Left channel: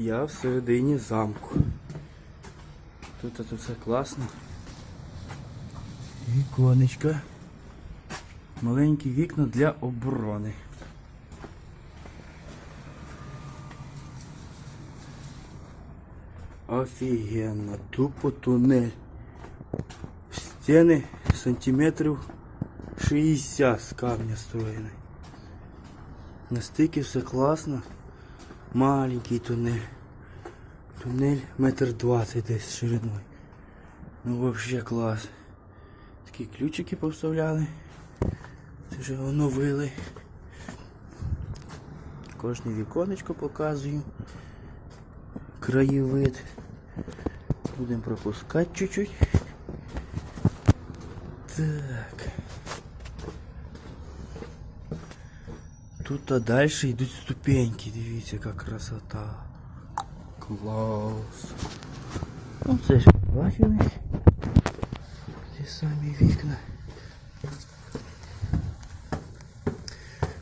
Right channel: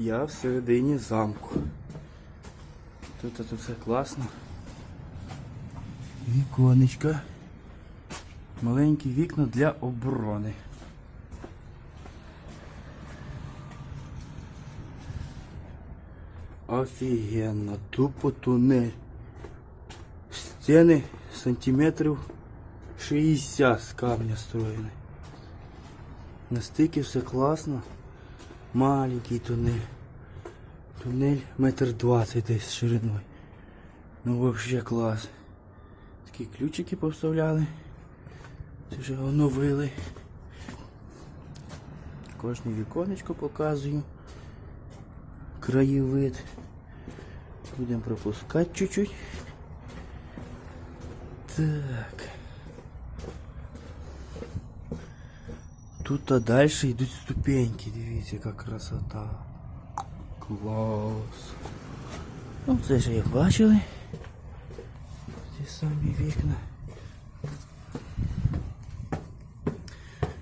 Я всередині замку. Тут тут все класно. Віконечка. Маленькі вікна для оборони. Офігенно, тупо тунель. Стіни сантиметрів 60 з камня строєні. Настільки все класно. Маленький тунель. Тунель метр двадцять десь шириною. Ну вообще клас. Такі ключики поставляли. Це вже оновили. Кожне віконечко показую. Краєвид. Будемо пропускати чуть-чуть. Так. Тут а далі йдуть ступеньки, дивіться, яка красота. Клас. Ну це ж як бачили. Ті самі вікна.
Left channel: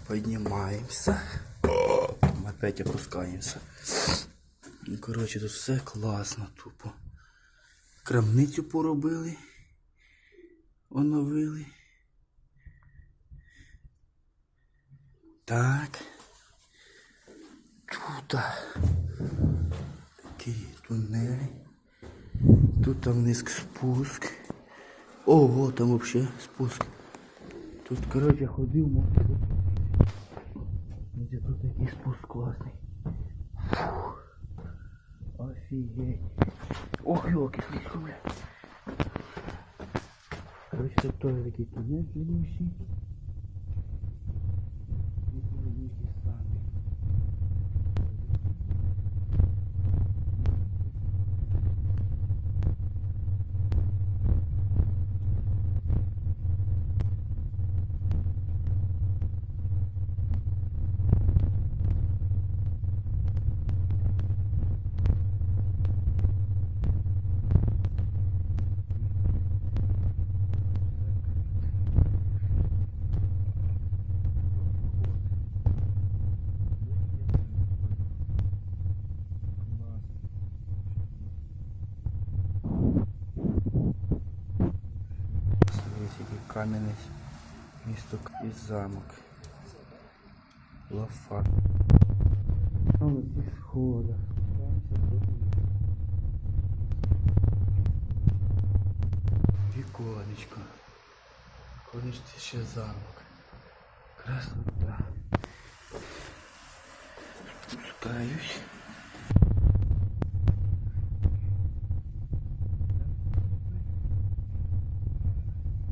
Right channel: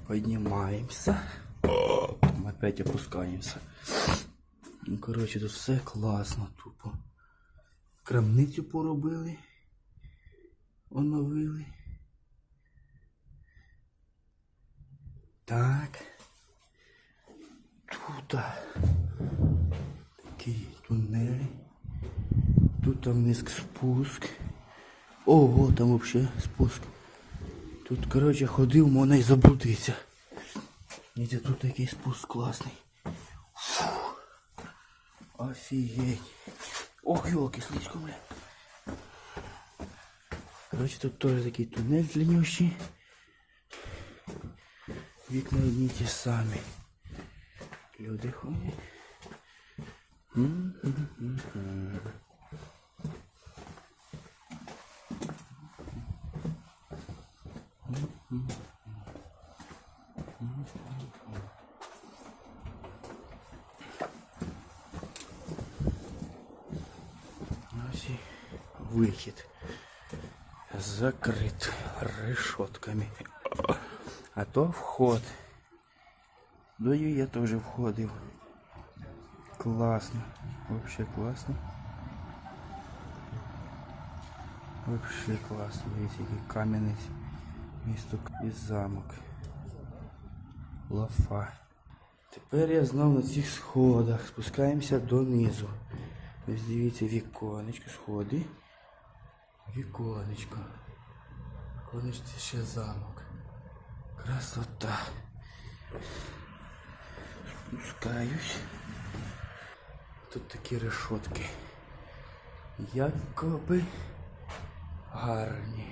Поднимаемся. Опять опускаемся. Ну, коротше, тут все класно, тупо. Крамницю поробили. Оновили. Так. Тут такі тунелі. Тут там вниз спуск. Ого, там вообще спуск. Тут, коротше, ходив, можна і заблудитися. Дивіться, тут такий спуск класний. Фу. Офігеть. Ох, йолки, слизько, бля. Короче, тут теж такий тунель длиннющий. Вікна одні ті самі. Люди ходять. Ось і Вихід закрит решетками. То вход. Дою я теж входив. Класно. Вообще класно. Вообще класно. Дивіться, який кам'яний місто і замок. Лафа. Тепер я знов на цих сходах. Спускаємося донизу. Ось дивіться віконечко, сходи. Віконечко. Віконечко ще замок. Красота. Спускаюсь. Тут такі решетки. Якоби гарні.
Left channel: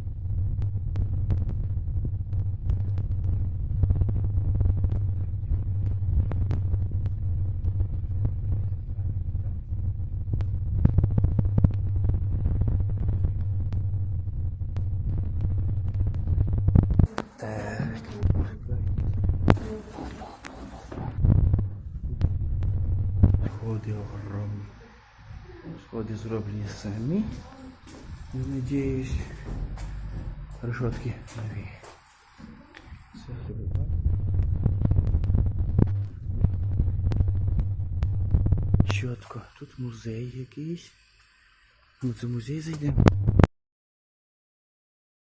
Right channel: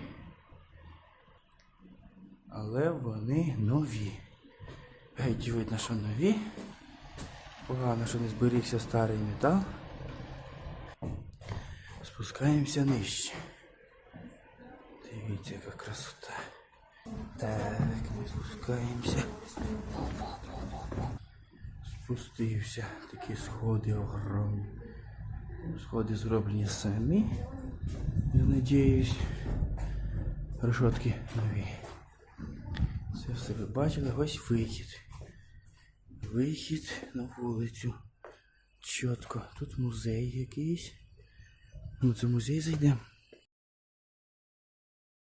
Але вони нові. Геть видно, що нові. Погано, що не зберігся старий метал. Спускаємося нижче. Спускаємося. Спустився. Такі сходи огромні. Сходи зроблені самі. Надіюсь. Решетки нові. Це все ви бачили. Ось вихід. Вихід на вулицю. Чітко. Тут музей якийсь. Ну це музей зайдемо.